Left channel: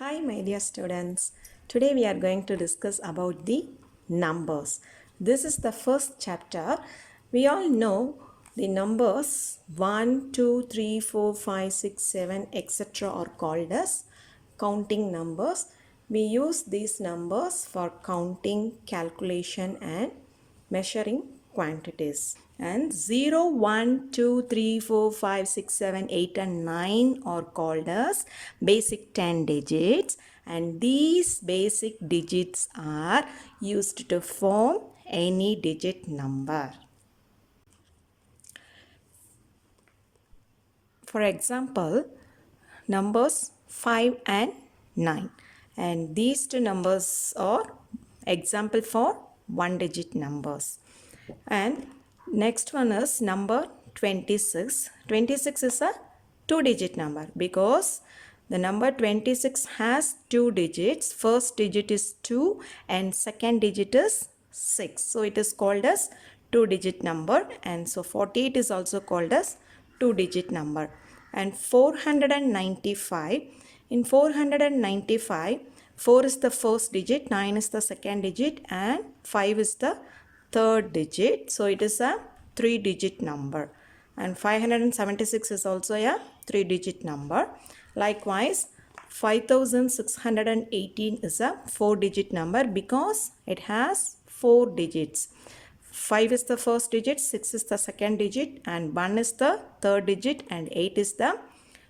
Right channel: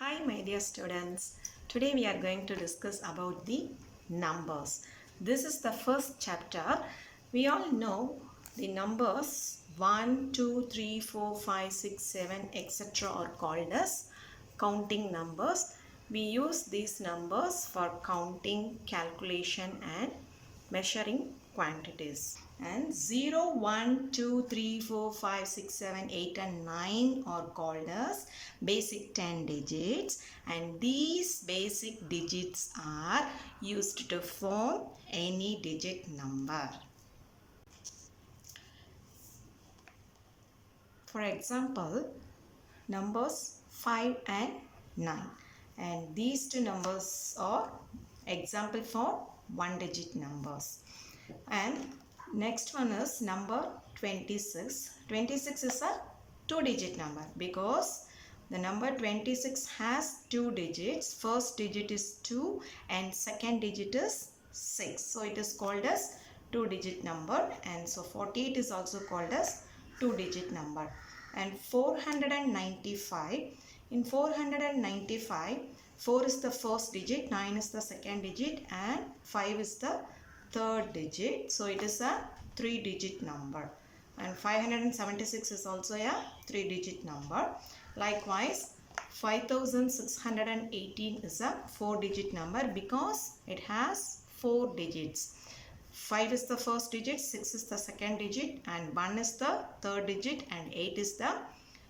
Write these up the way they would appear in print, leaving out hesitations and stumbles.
Hi my dear students, today we are going to discuss about the numbers. This is the first chapter. We all know the numbers 1, 2, 3, 4, 5, 6, 7 etc. are called as counting numbers. We use these numbers for counting, calculation and measuring quantities. And 0, 1, 2, 3, 4, 5, 6, 7, 8 and 9 are called as basic 10 digits, and these basic digits are used to form any digit number. For example, numbers 5 and 9, and these two numbers are example for one digit numbers. And next one is number 26. 26 is a two digit number because the number 26 has two digits. First digit is 2 and second digit is 6. So it is called as two digit number, and so 48 is also called as two digit number. And 495, in 495, 4 is the first digit, 9 is the second digit and 5 is the third digit. So it is a three digit number. And 576 is also a three digit number. Likewise, 5618 is a four digit number because it has four digits. 5 is the first digit, 6 is the second digit and 1 is the third digit and 8 is the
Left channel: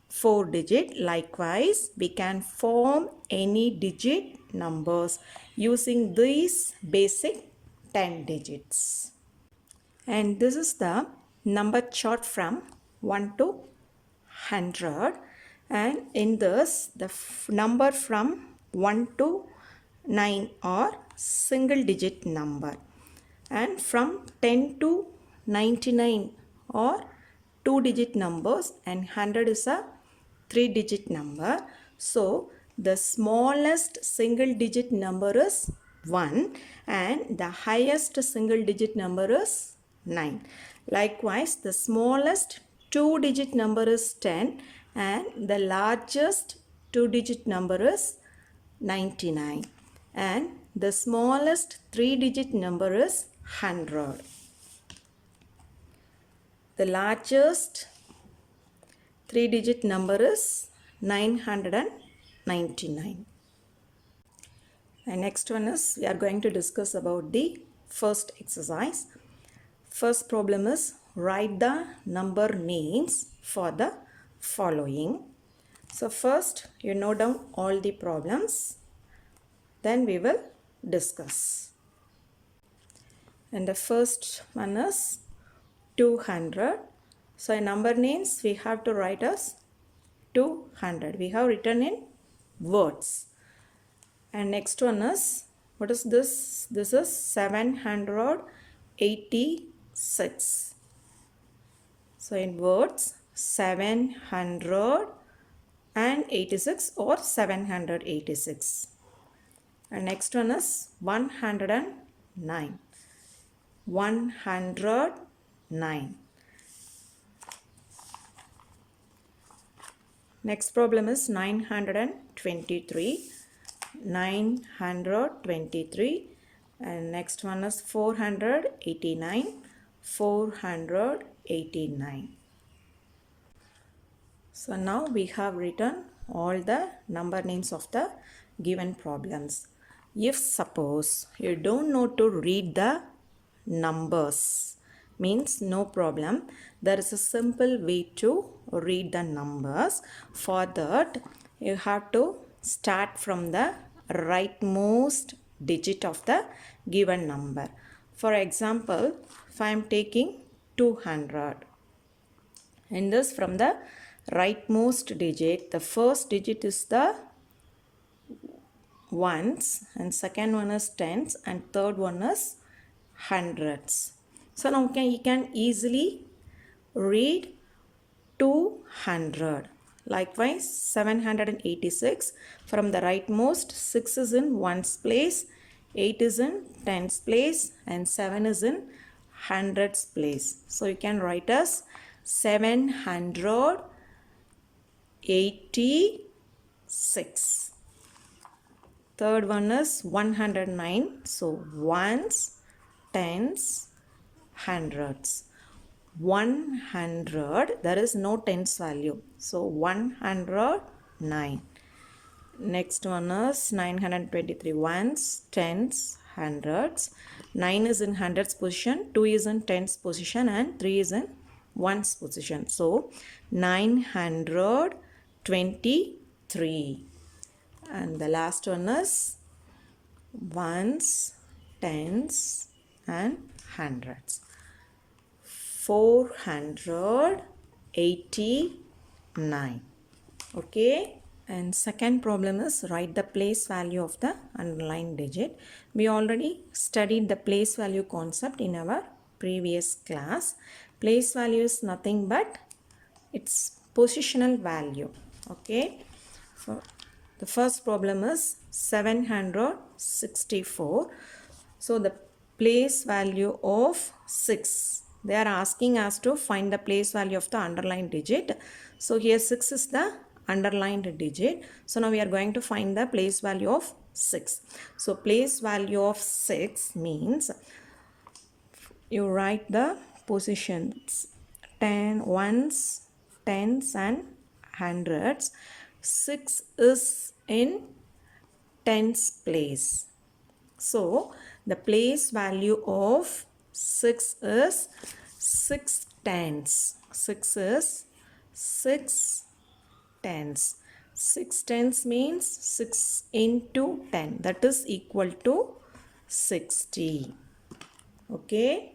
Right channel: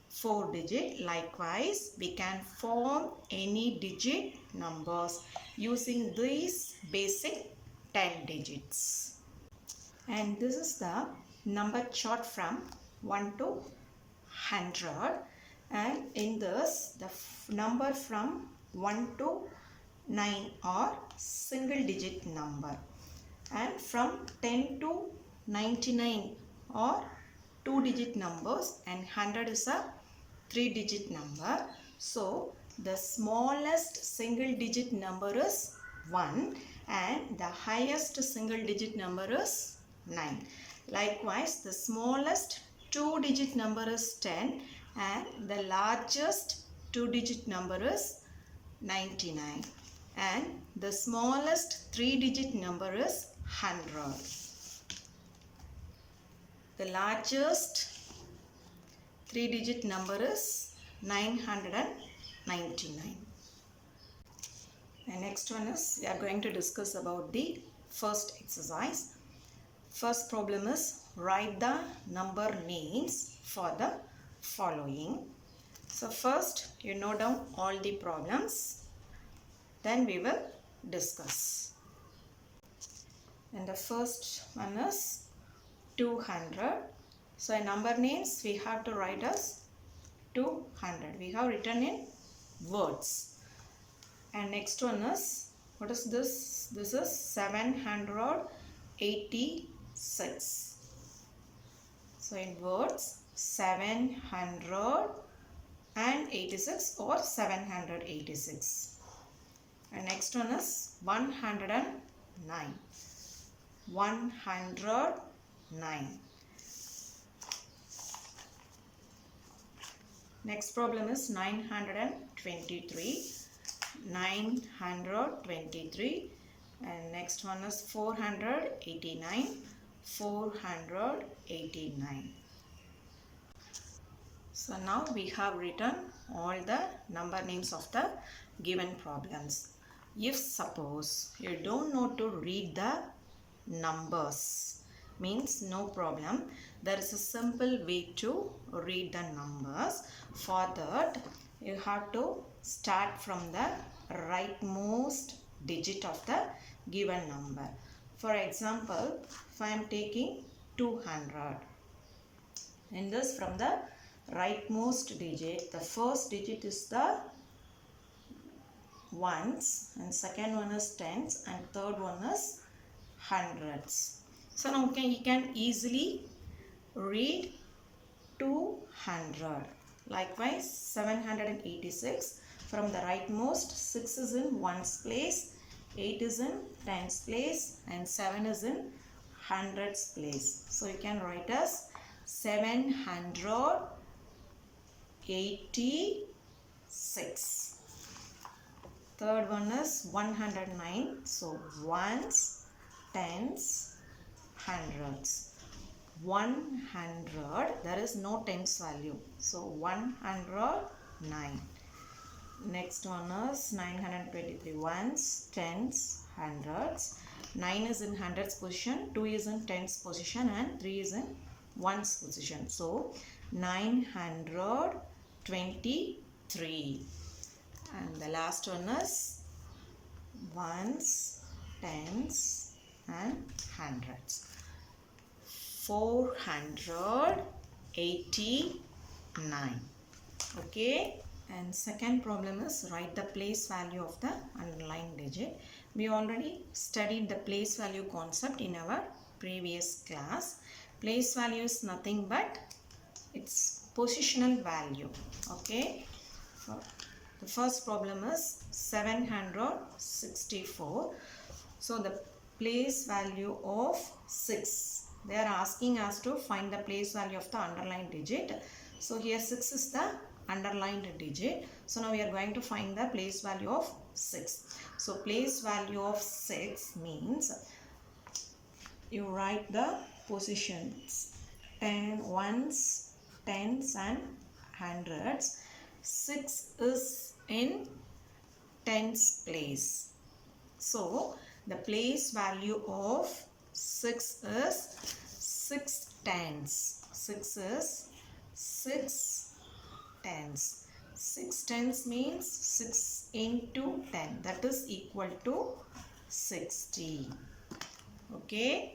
fourth digit. Likewise, we can form any digit numbers using these basic 10 digits. And this is the number chart from 1 to 100, and in this the number from 1 to 9 are single digit number, and from 10 to 99 are two digit numbers, and 100 is a three digit number. So the smallest single digit number is 1 and the highest single digit number is 9. Likewise, the smallest two digit number is 10 and the largest two digit number is 99, and the smallest three digit number is 100. The largest three digit number is 999. And next one is we are going to discuss about the first exercise. First problem is write the number names for the following. So first you note down all the problems, then we will discuss. And the first one is 200. So in number names we have to write as 200. We have written in words. And next one is, what is this? This is 786. So in words, 786 or 786. And next one is 109. 109. Next problem is 923. 923. And next one is 489. 489. So now we have written all the number names of the given problems. If suppose you don't know to read the numbers, means no problem. There is a simple way to read the numbers. For that, you have to start from the rightmost digit of the given number. For example, if I am taking 200, in this from the rightmost digit, the first digit is the ones and second one is tens and third one is hundreds. So now you can easily read 200. Likewise, 786, from the rightmost, 6 is in ones place, 8 is in tens place and 7 is in hundreds place. So you can write as 786. Third one is 109. So ones, tens, hundreds. 100, there is no tens value. So 109. Next one is 923. Ones, tens, hundreds. 9 is in hundreds position, 2 is in tens position, and 3 is in ones position. So 923. And the last one is ones, tens, and hundreds. 489. Okay. And second problem is write the place value of the underlined digit. We already studied the place value concept in our previous class. Place value is nothing but its positional value. Okay. So the first problem is 764. So the place value of 6. They are asking us to find the place value of the underlined digit. So here 6 is the underlined digit. So now we are going to find the place value of 6. So place value of 6 means you write the positions 10, ones, tens, and hundreds. 6 is in tens place. So the place value of 6 is 6 tens. 6 is 6 tens. 6 tens means 6 into 10. That is equal to 60. Okay.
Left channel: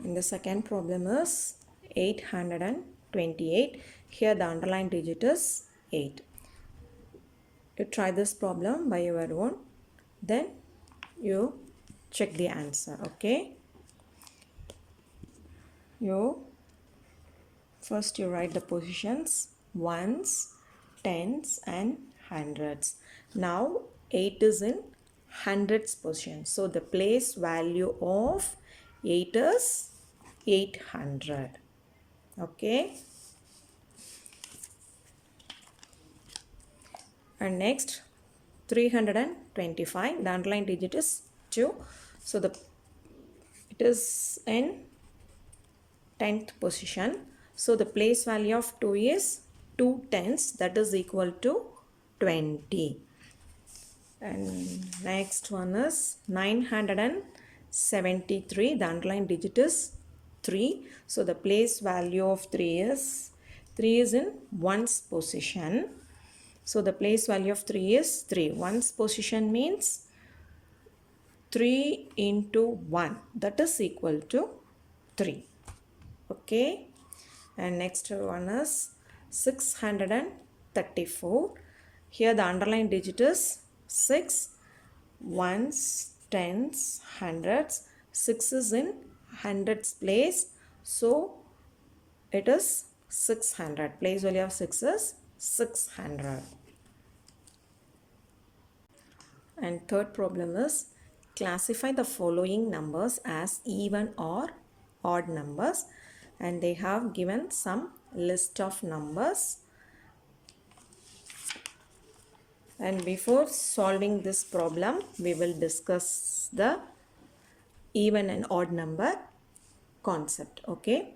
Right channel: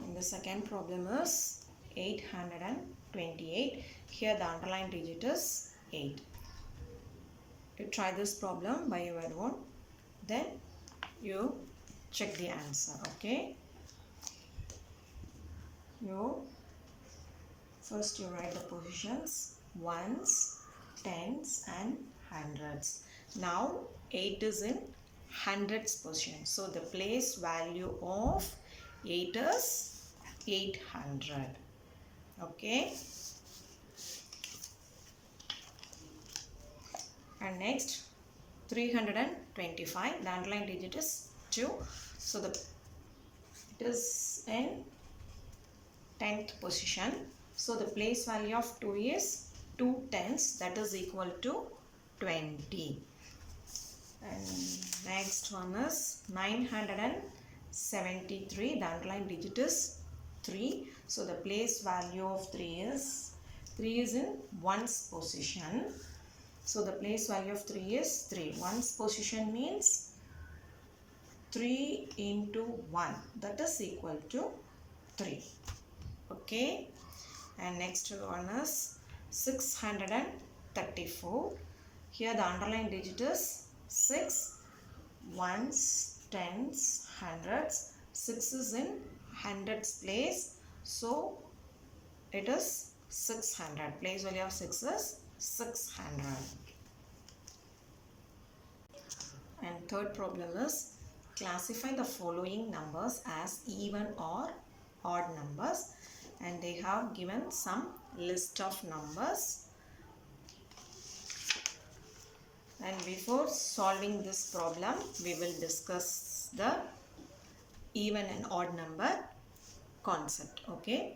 And the second problem is 828. Here the underlined digit is 8. You try this problem by your own. Then you check the answer. Okay. First you write the positions ones, tens, and hundreds. Now 8 is in hundreds position. So the place value of 8 is 800. Okay. And next 325. The underlined digit is 2. So it is in 10th position. So the place value of 2 is 2 tenths. That is equal to 20. And next one is 973. The underlined digit is 3. So the place value of 3 is in ones position. So the place value of 3 is 3. Ones position means 3 into 1. That is equal to 3. Okay. And next one is 634. Here the underlined digit is 6. Ones, tens, hundreds. 6 is in hundreds place. So it is 600. Place value of 6 is 600. And third problem is classify the following numbers as even or odd numbers. And they have given some list of numbers. And before solving this problem, we will discuss the even and odd number concept. Okay.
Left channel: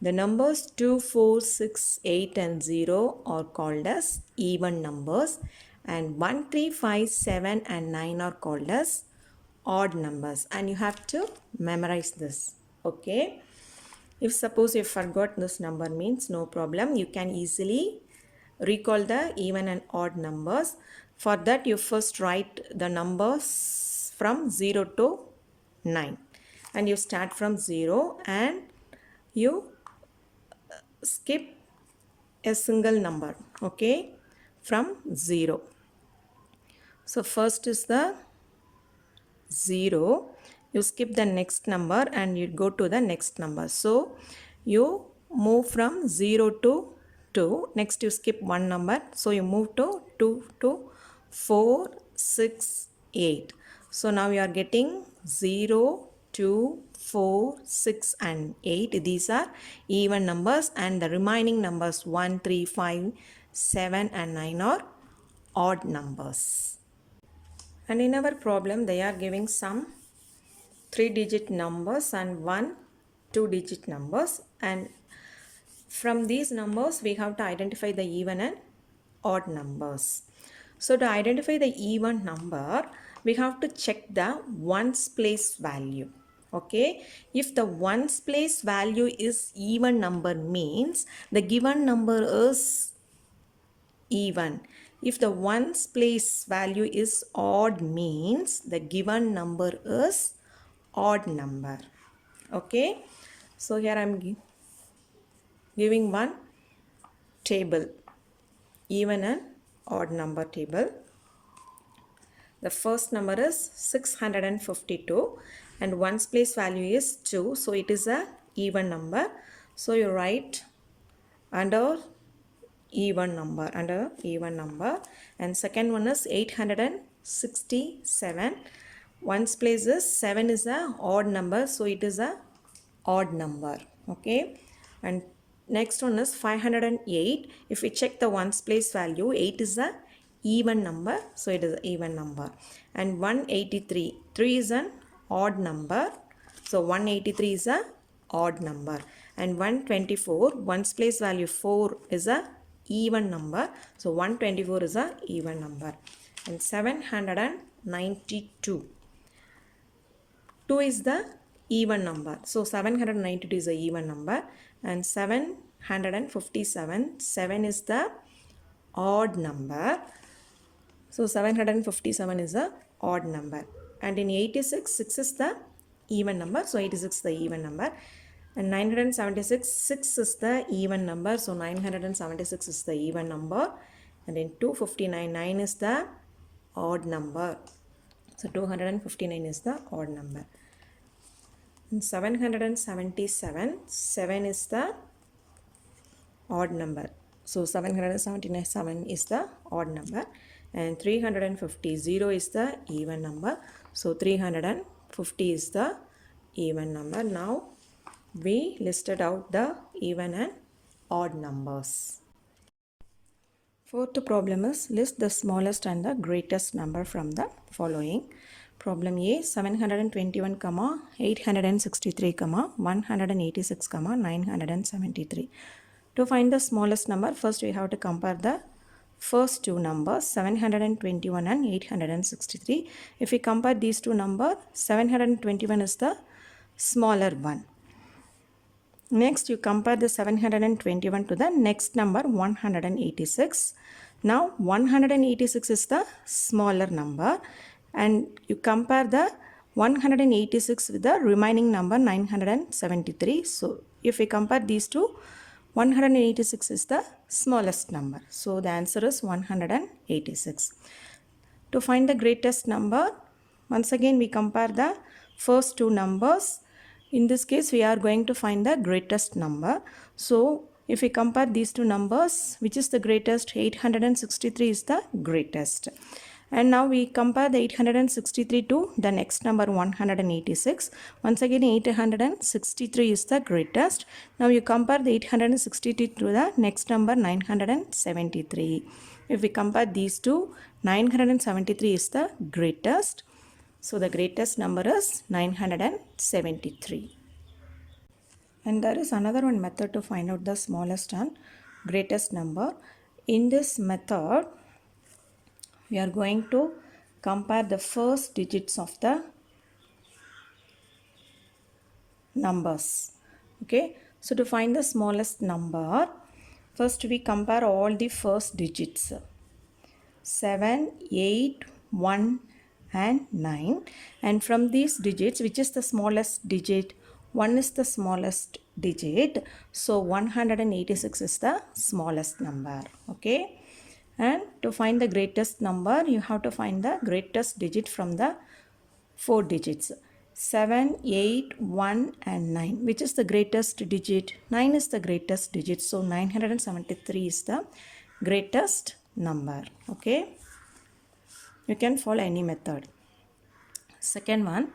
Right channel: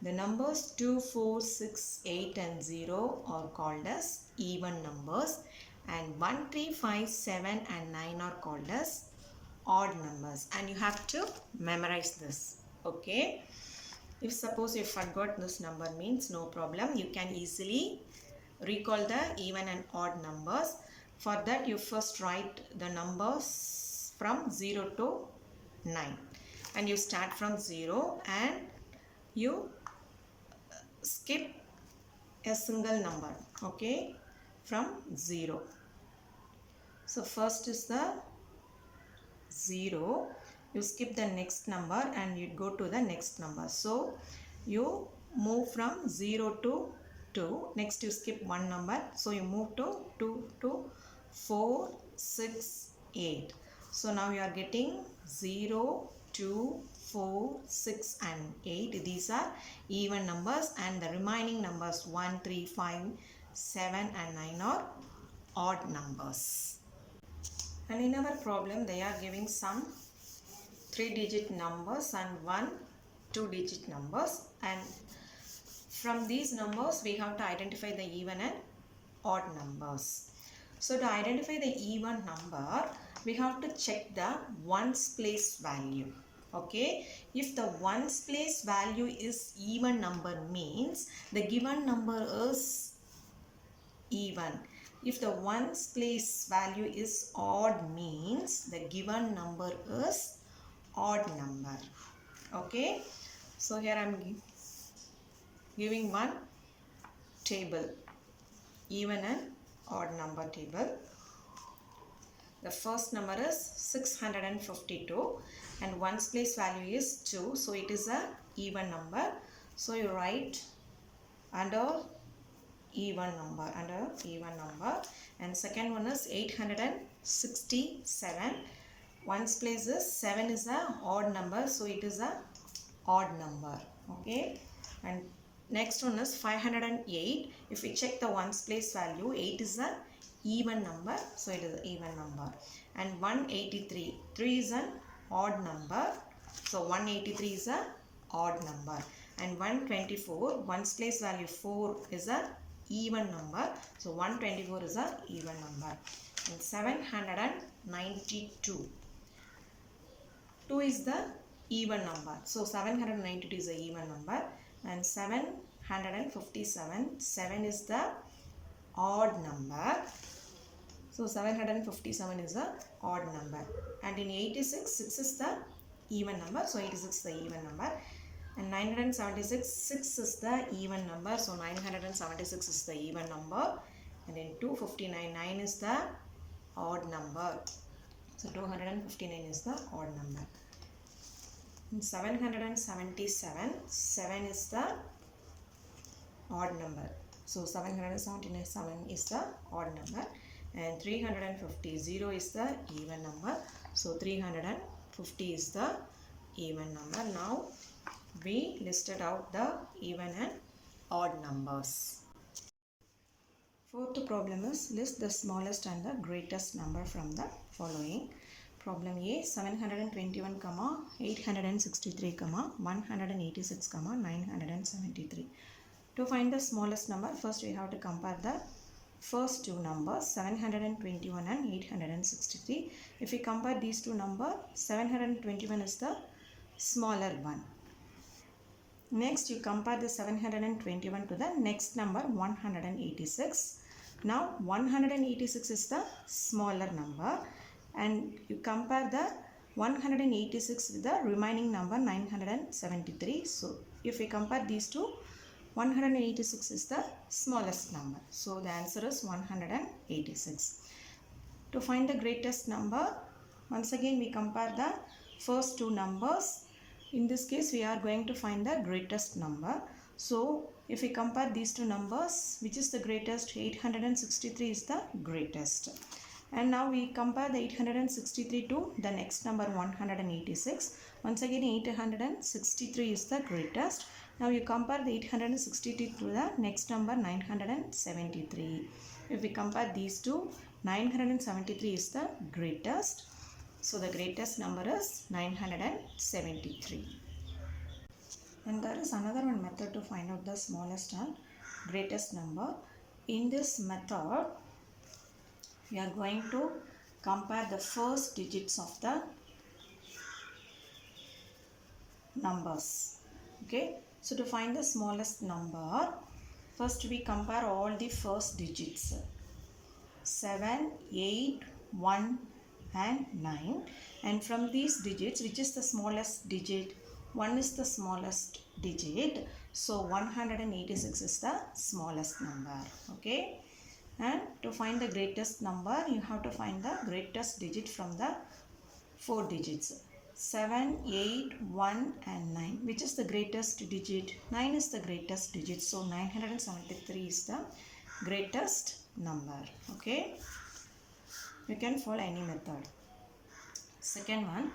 The numbers 2, 4, 6, 8 and 0 are called as even numbers. And 1, 3, 5, 7 and 9 are called as odd numbers. And you have to memorize this. Okay. If suppose you forgot this number means no problem. You can easily recall the even and odd numbers. For that you first write the numbers from 0 to 9. And you start from 0 and you skip a single number. Okay. From 0. So first is the 0. You skip the next number and you go to the next number. So you move from 0 to 2. Next you skip one number. So you move to 2 to 4, 6, 8. So now you are getting 0, 2, 4, 6 and 8. These are even numbers, and the remaining numbers 1, 3, 5, 7 and 9 are odd numbers. And in our problem, they are giving some 3-digit numbers and 1 2-digit numbers, and from these numbers we have to identify the even and odd numbers. So to identify the even number, we have to check the ones place value. Okay, if the ones place value is even number, means the given number is even. If the ones place value is odd, means the given number is odd number. Okay, so here I am giving one table, even and odd number table. The first number is 652 and ones place value is 2, so it is a even number. So you write under even number, and second one is 867. Ones place is 7 is a odd number, so it is a odd number. Okay, and next one is 508. If we check the ones place value, 8 is a even number, so it is an even number. And 183, 3 is an odd number, so 183 is a odd number. And 124, ones place value 4 is a even number, so 124 is a even number. And 792, 2 is the even number, so 792 is a even number. And 757, 7 is the odd number, so 757 is a odd number. And in 86, 6 is the even number, so 86 is the even number. And 976, 6 is the even number, so 976 is the even number. And in 259, 9 is the odd number, so 259 is the odd number. In 777, 7 is the odd number, so 777 is the odd number. And 350, 0 is the even number, so 350 is the even number. Now we listed out the even and odd numbers. Fourth problem is list the smallest and the greatest number from the following. Problem A, 721, 863, 186, 973. To find the smallest number, first we have to compare the first two numbers, 721 and 863. If we compare these two numbers, 721 is the smaller one. Next, you compare the 721 to the next number, 186. Now, 186 is the smaller number, and you compare the 186 with the remaining number, 973. So, if we compare these two, 186 is the smallest number. So, the answer is 186. To find the greatest number, once again we compare the first two numbers. In this case, we are going to find the greatest number. So, if we compare these two numbers, which is the greatest? 863 is the greatest. And now we compare the 863 to the next number, 186. Once again, 863 is the greatest. Now you compare the 863 to the next number, 973. If we compare these two, 973 is the greatest. So the greatest number is 973. And there is another one method to find out the smallest and greatest number. In this method, we are going to compare the first digits of the numbers. Okay, so to find the smallest number, first we compare all the first digits, 7, 8, 1 and 9, and from these digits, which is the smallest digit? 1 is the smallest digit, so 186 is the smallest number. Okay, and to find the greatest number, you have to find the greatest digit from the 4 digits, 7, 8, 1 and 9. Which is the greatest digit? 9 is the greatest digit, so 973 is the greatest number. Okay, you can follow any method. Second one,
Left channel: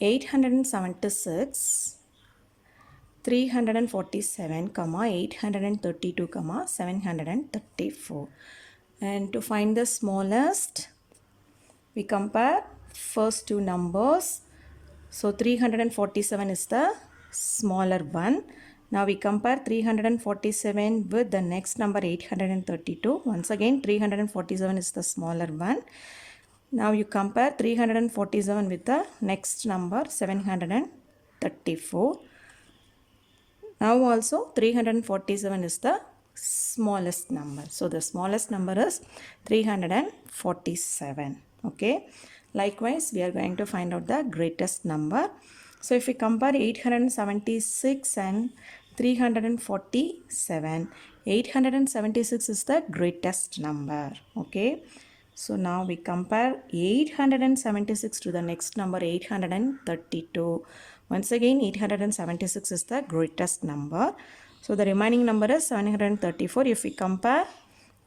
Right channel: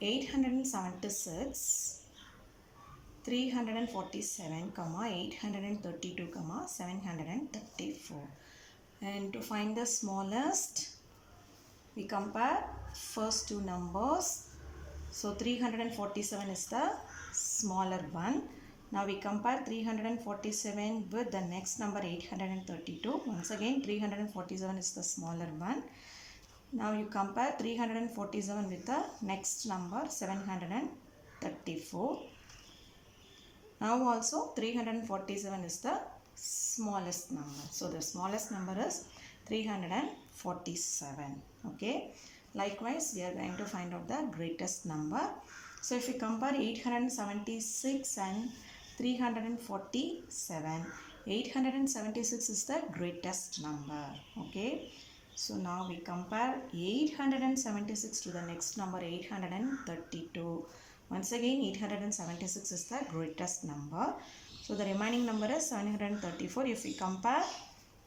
876 347, 832, 734. And to find the smallest, we compare first two numbers. So 347 is the smaller one. Now we compare 347 with the next number 832. Once again 347 is the smaller one. Now you compare 347 with the next number 734. Now also 347 is the smallest number. So the smallest number is 347. Okay. Likewise, we are going to find out the greatest number. So if we compare 876 and 347, 876 is the greatest number. Okay. So now we compare 876 to the next number 832. Once again 876 is the greatest number. So the remaining number is 734. If we compare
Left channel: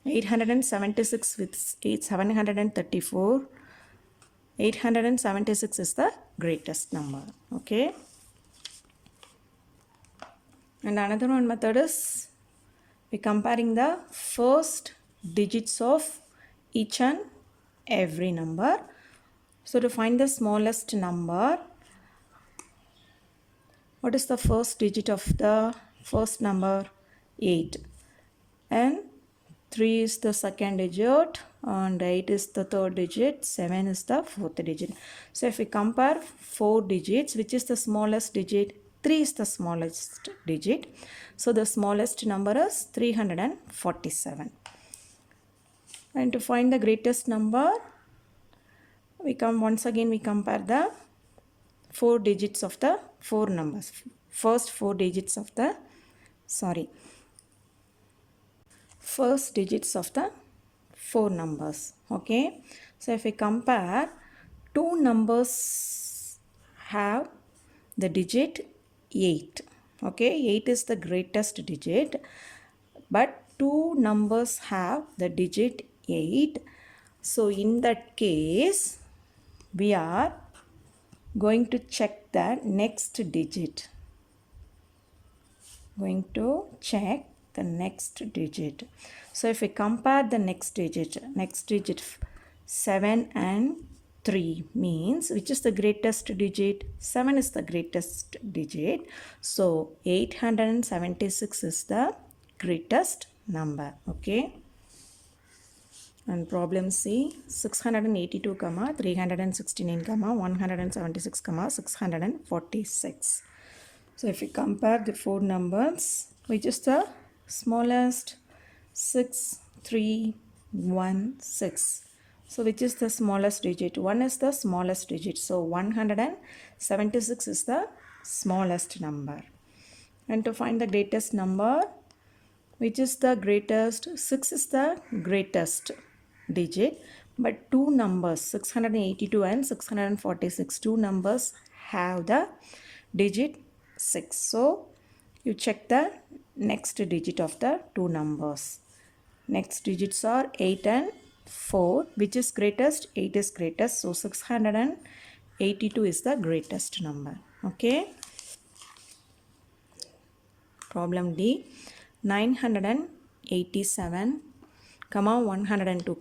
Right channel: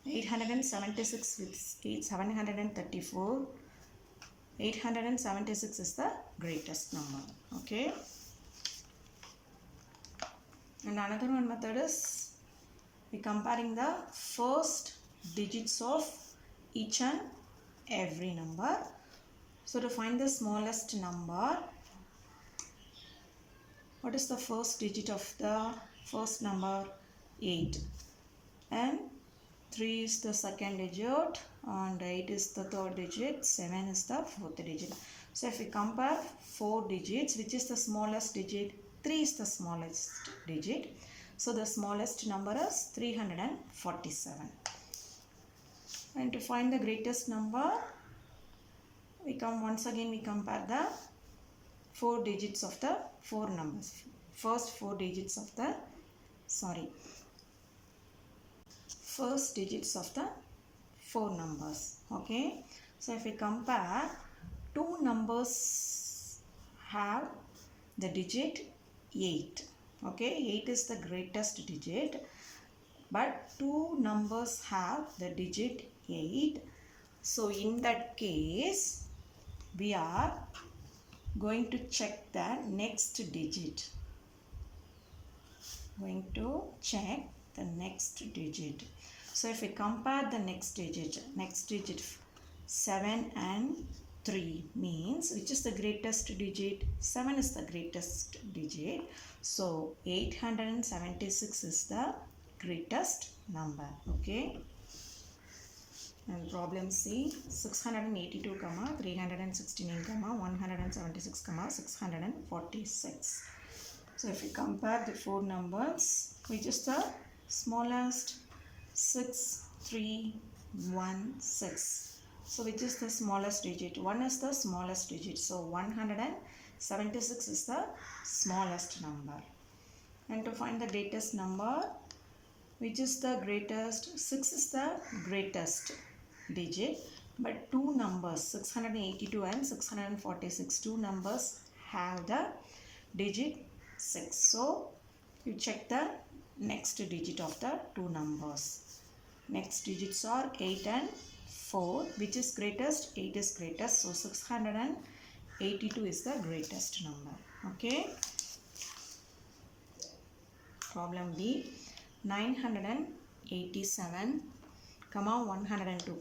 876 with 734, 876 is the greatest number. Okay. And another one method is we comparing the first digits of each and every number. So to find the smallest number, what is the first digit of the first number? 8. And 3 is the second digit and 8 is the third digit, 7 is the fourth digit. So if we compare 4 digits, which is the smallest digit? 3 is the smallest digit. So the smallest number is 347. And to find the greatest number, we compare the 4 digits of the 4 numbers. First digits of the 4 numbers. Okay. So if we compare, 2 numbers have the digit 8. Okay. 8 is the greatest digit, but 2 numbers have the digit 8. So in that case, we are going to check the next digit. So if we compare the next digit 7 and 3 means which is the greatest digit? 7 is the greatest digit. So 876 is the greatest number. Okay. And problem C, 682, 369, 176, 646. So if we compare the 4 numbers, which is the smallest? 6, 3, 1, 6. So which is the smallest digit? 1 is the smallest digit. So 176 is the smallest number. And to find the greatest number, which is the greatest? 6 is the greatest digit, but 2 numbers 682 and 646, 2 numbers have the digit 6. So you check the next digit of the 2 numbers. Next digits are 8 and 4. Which is greatest? 8 is greatest. So 682 is the greatest number. Okay. Problem D, 987, 102,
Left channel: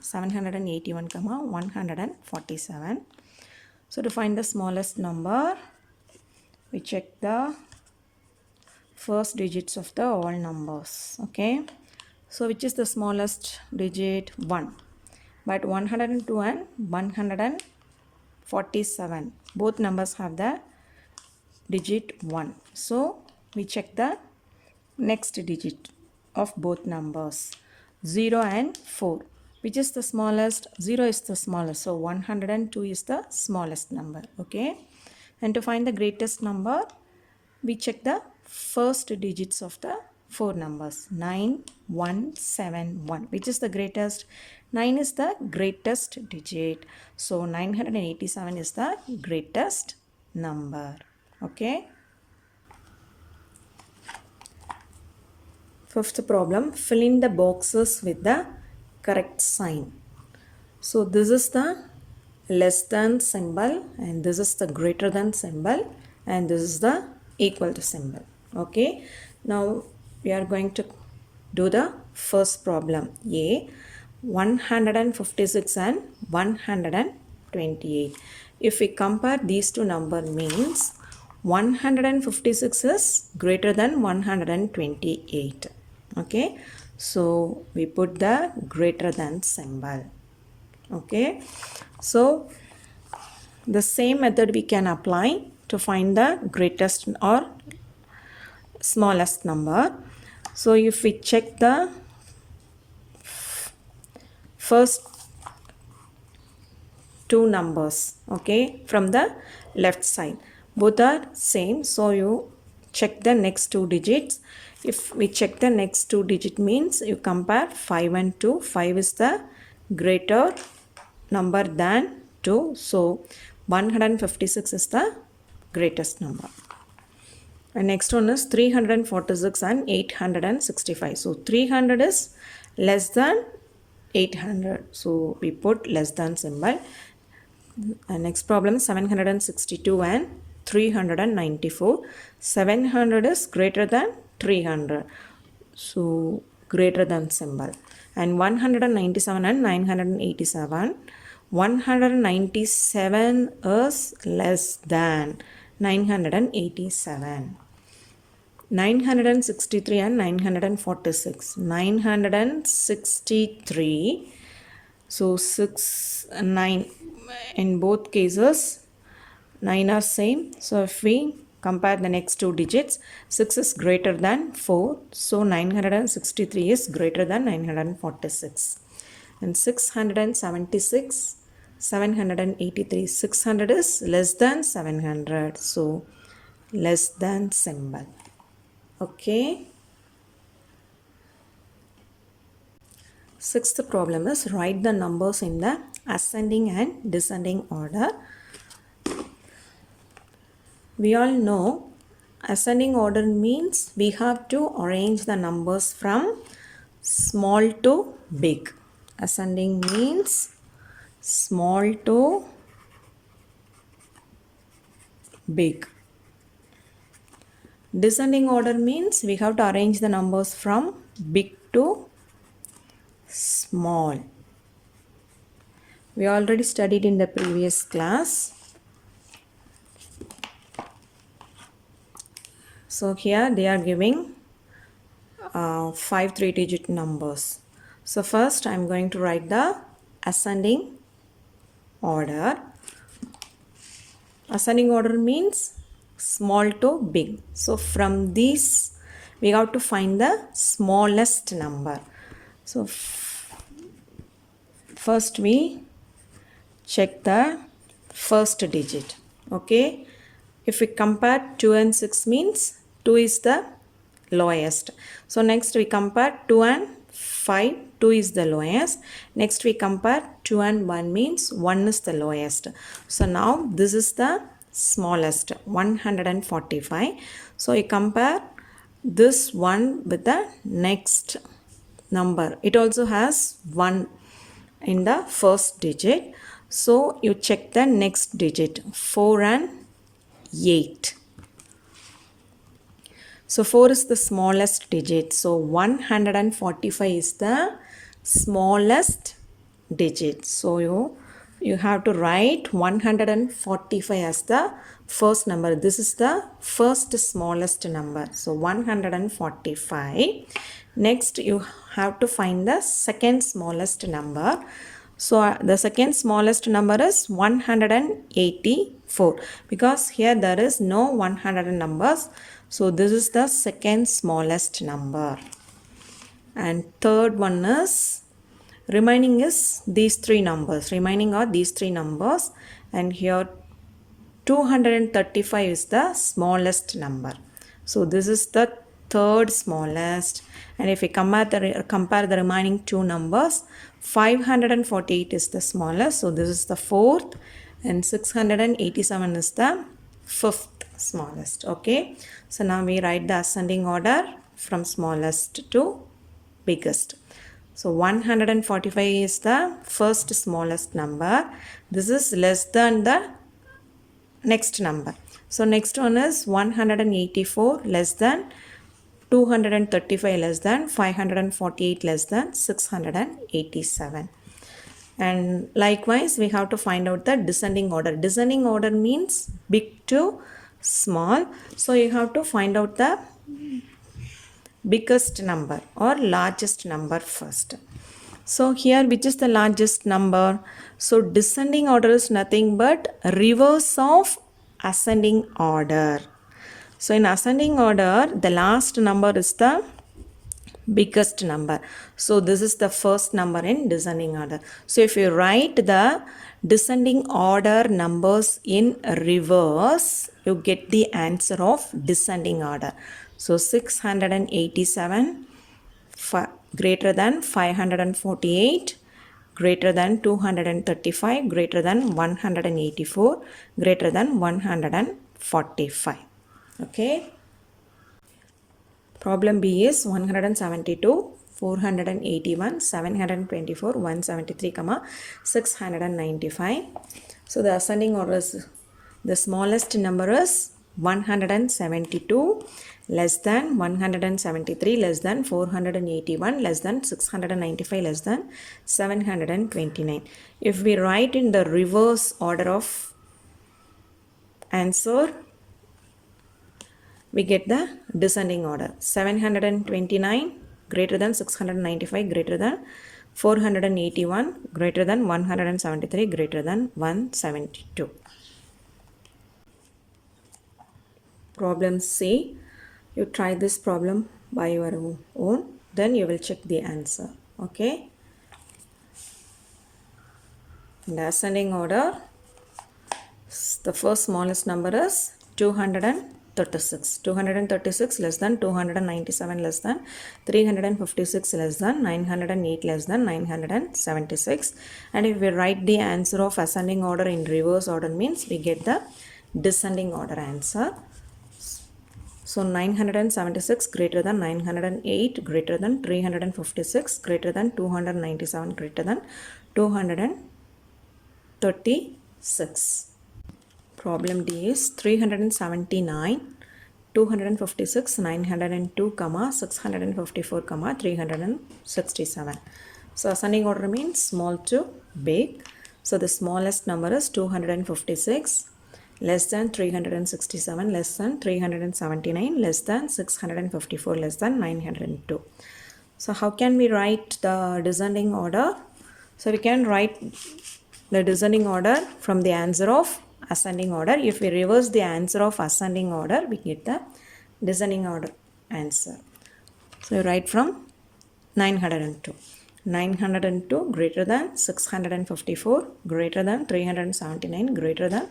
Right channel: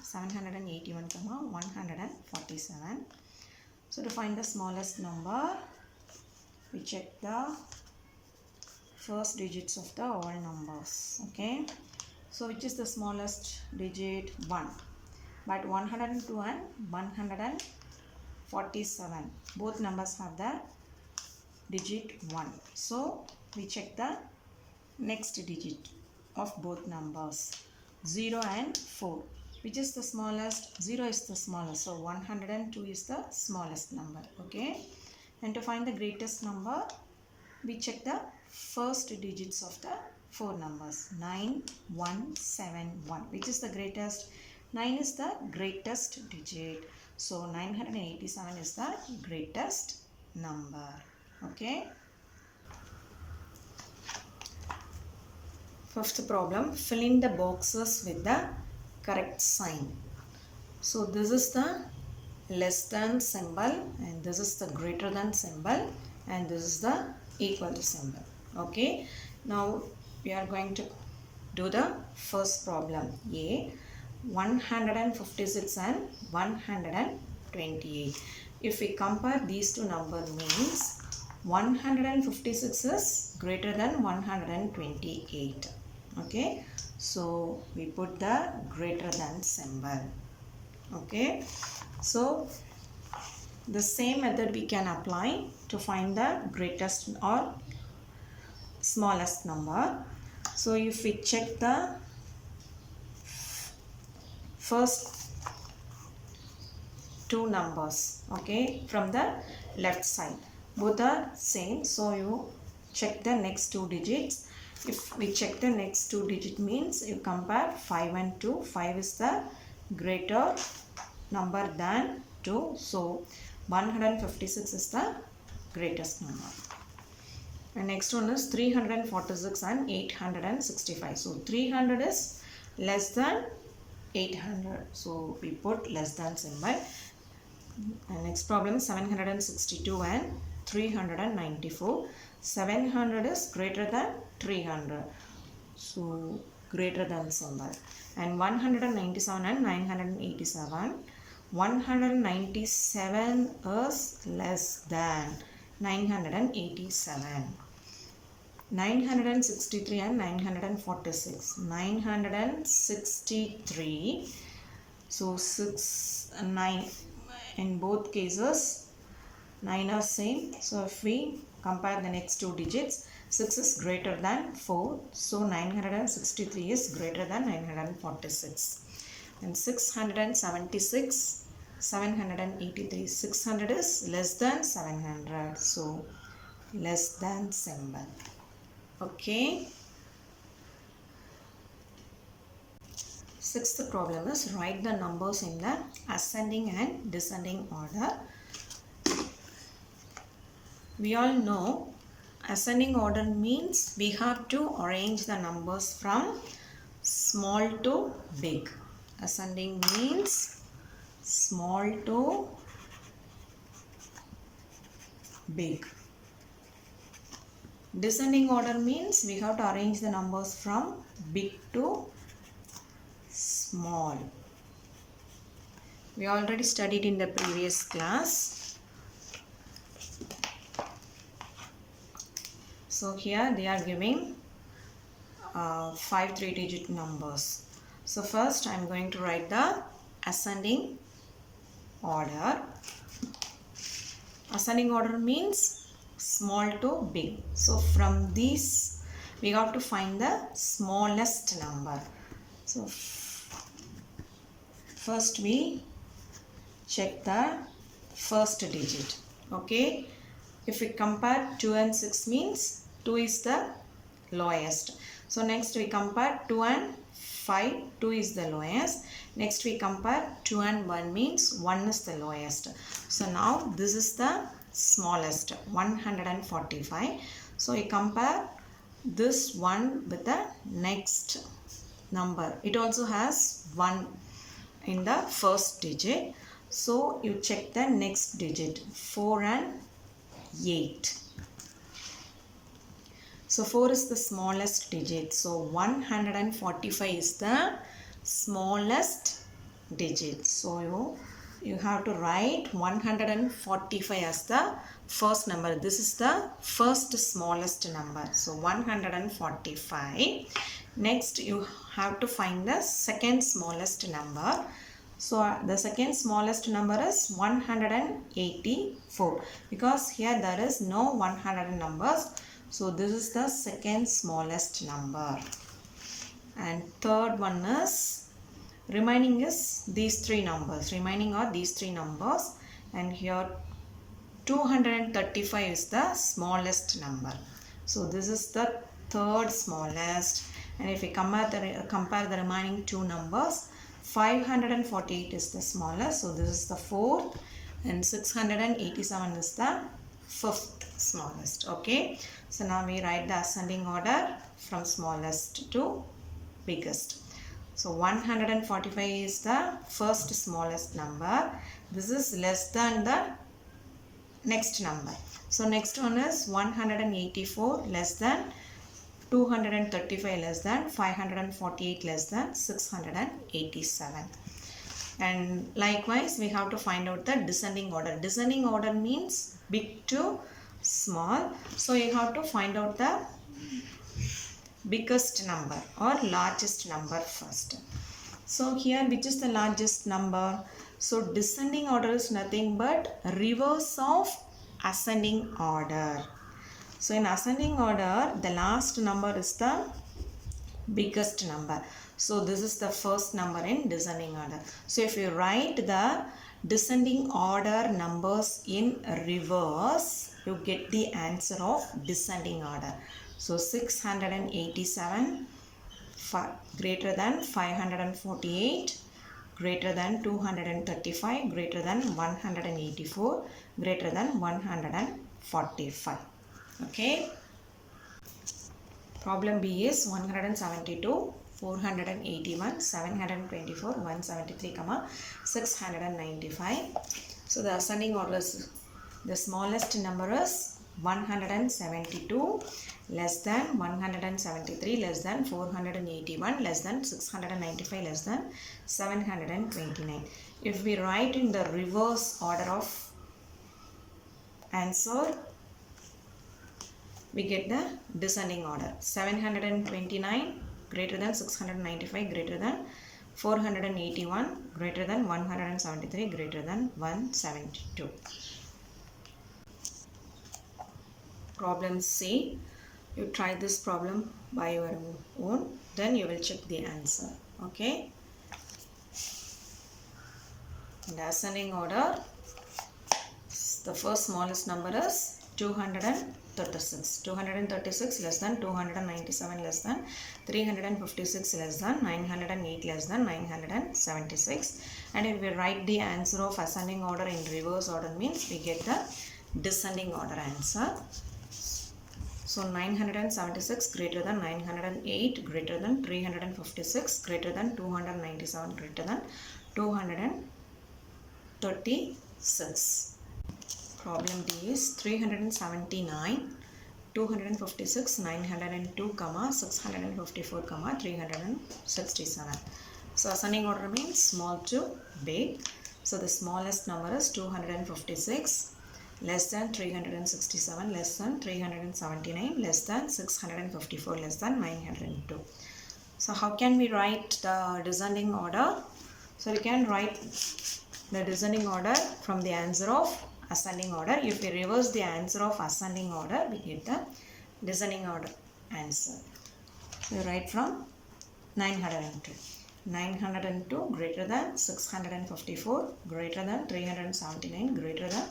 781, 147. So to find the smallest number, we check the first digits of the all numbers. Okay. So which is the smallest digit? 1. But 102 and 147, both numbers have the digit 1. So we check the next digit of both numbers. 0 and 4. Which is the smallest? 0 is the smallest. So 102 is the smallest number. Okay. And to find the greatest number, we check the first digits of the 4 numbers. 9, 1, 7, 1. Which is the greatest? 9 is the greatest digit. So 987 is the greatest number. Okay. Fifth problem, fill in the boxes with the correct sign. So this is the less than symbol and this is the greater than symbol and this is the equal to symbol. Okay, now we are going to do the first problem. A, 156 and 128. If we compare these two numbers, means 156 is greater than 128. Okay, so we put the greater than symbol. Okay, so the same method we can apply to find the greatest or smallest number. So if we check the first two numbers, okay, from the left side, both are same, so you check the next two digits. If we check the next two digit, means you compare 5 and 2. 5 is the greater number than 2, so 156 is the greatest number. And next one is 346 and 865. So 300 is less than 800. So we put less than symbol. And next problem, 762 and 394. 700 is greater than 300. So greater than symbol. And 197 and 987. 197 is less than 987. 963 and 946. 963. So 6 and 9, in both cases 9 are same. So if we compare the next two digits, 6 is greater than 4. So 963 is greater than 946. And 676, 783. 600 is less than 700. So less than symbol. Okay. Sixth problem is write the numbers in the ascending and descending order. We all know ascending order means we have to arrange the numbers from small to big. Ascending means small to big. Descending order means we have to arrange the numbers from big to small. We already studied in the previous class. So here they are giving 5 3-digit numbers. So first I am going to write the ascending order. Ascending order means small to big. So from these we have to find the smallest number. So first we check the first digit. Okay, if we compare 2 and 6, means 2 is the lowest. So next we compare 2 and 5, 2 is the lowest. Next we compare 2 and 1, means 1 is the lowest. So now this is the smallest, 145. So we compare this one with the next number. It also has 1 in the first digit. So you check the next digit, 4 and 8. So 4 is the smallest digit. So 145 is the smallest digit. So you have to write 145 as the first number. This is the first smallest number. So 145. Next you have to find the second smallest number. So the second smallest number is 184, because here there is no 100 numbers. So this is the second smallest number. And third one is, remaining is these three numbers. Remaining are these three numbers. And here 235 is the smallest number. So this is the third smallest. And if we compare the remaining two numbers, 548 is the smallest. So this is the fourth. And 687 is the fifth smallest. Okay. So now we write the ascending order from smallest to biggest. So 145 is the first smallest number. This is less than the next number. So next one is 184 less than 235 less than 548 less than 687. And likewise we have to find out the descending order. Descending order means big to small. So you have to find out the biggest number or largest number first. So here which is the largest number? So descending order is nothing but reverse of ascending order. So in ascending order the last number is the biggest number. So this is the first number in descending order. So if you write the descending order numbers in reverse, you get the answer of descending order. So 687 greater than 548 greater than 235 greater than 184 greater than 145. Okay. Problem B is 172, 481, 724, 173, 695. So the ascending order is, the smallest number is 172 less than 173 less than 481 less than 695 less than 729. If we write in the reverse order of answer, we get the descending order. 729 greater than 695 greater than 481 greater than 173 greater than 172. Problem C. You try this problem by your own, then you will check the answer. Okay. In the ascending order, the first smallest number is 236. 236 less than 297 less than 356 less than 908 less than 976. And if we write the answer of ascending order in reverse order means we get the descending order answer. So 976 greater than 908 greater than 356 greater than 297 greater than 236. Problem D is 379, 256, 902, 654, 367. So ascending order means small to big. So the smallest number is 256, less than 367, less than 379, less than 654, less than 902. So how can we write the descending order? So we can write the descending order from the answer of ascending order. If we reverse the answer of ascending order, we get the descending order answer. So write from 902. 902 greater than 654 greater than 379 greater than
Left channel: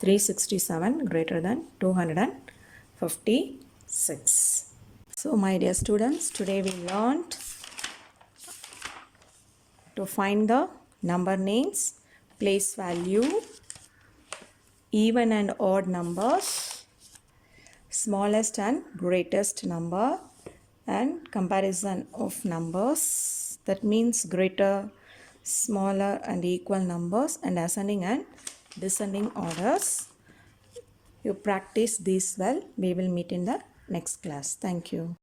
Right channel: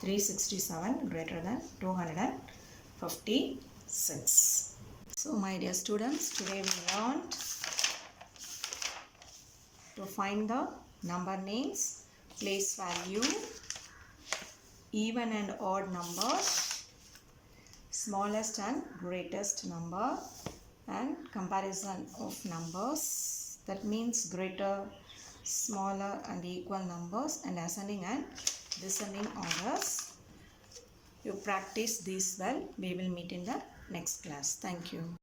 367 greater than 256. So my dear students, today we learned to find the number names, place value, even and odd numbers, smallest and greatest number, and comparison of numbers. That means greater, smaller and equal numbers, and ascending and descending orders. You practice these well. We will meet in the next class. Thank you.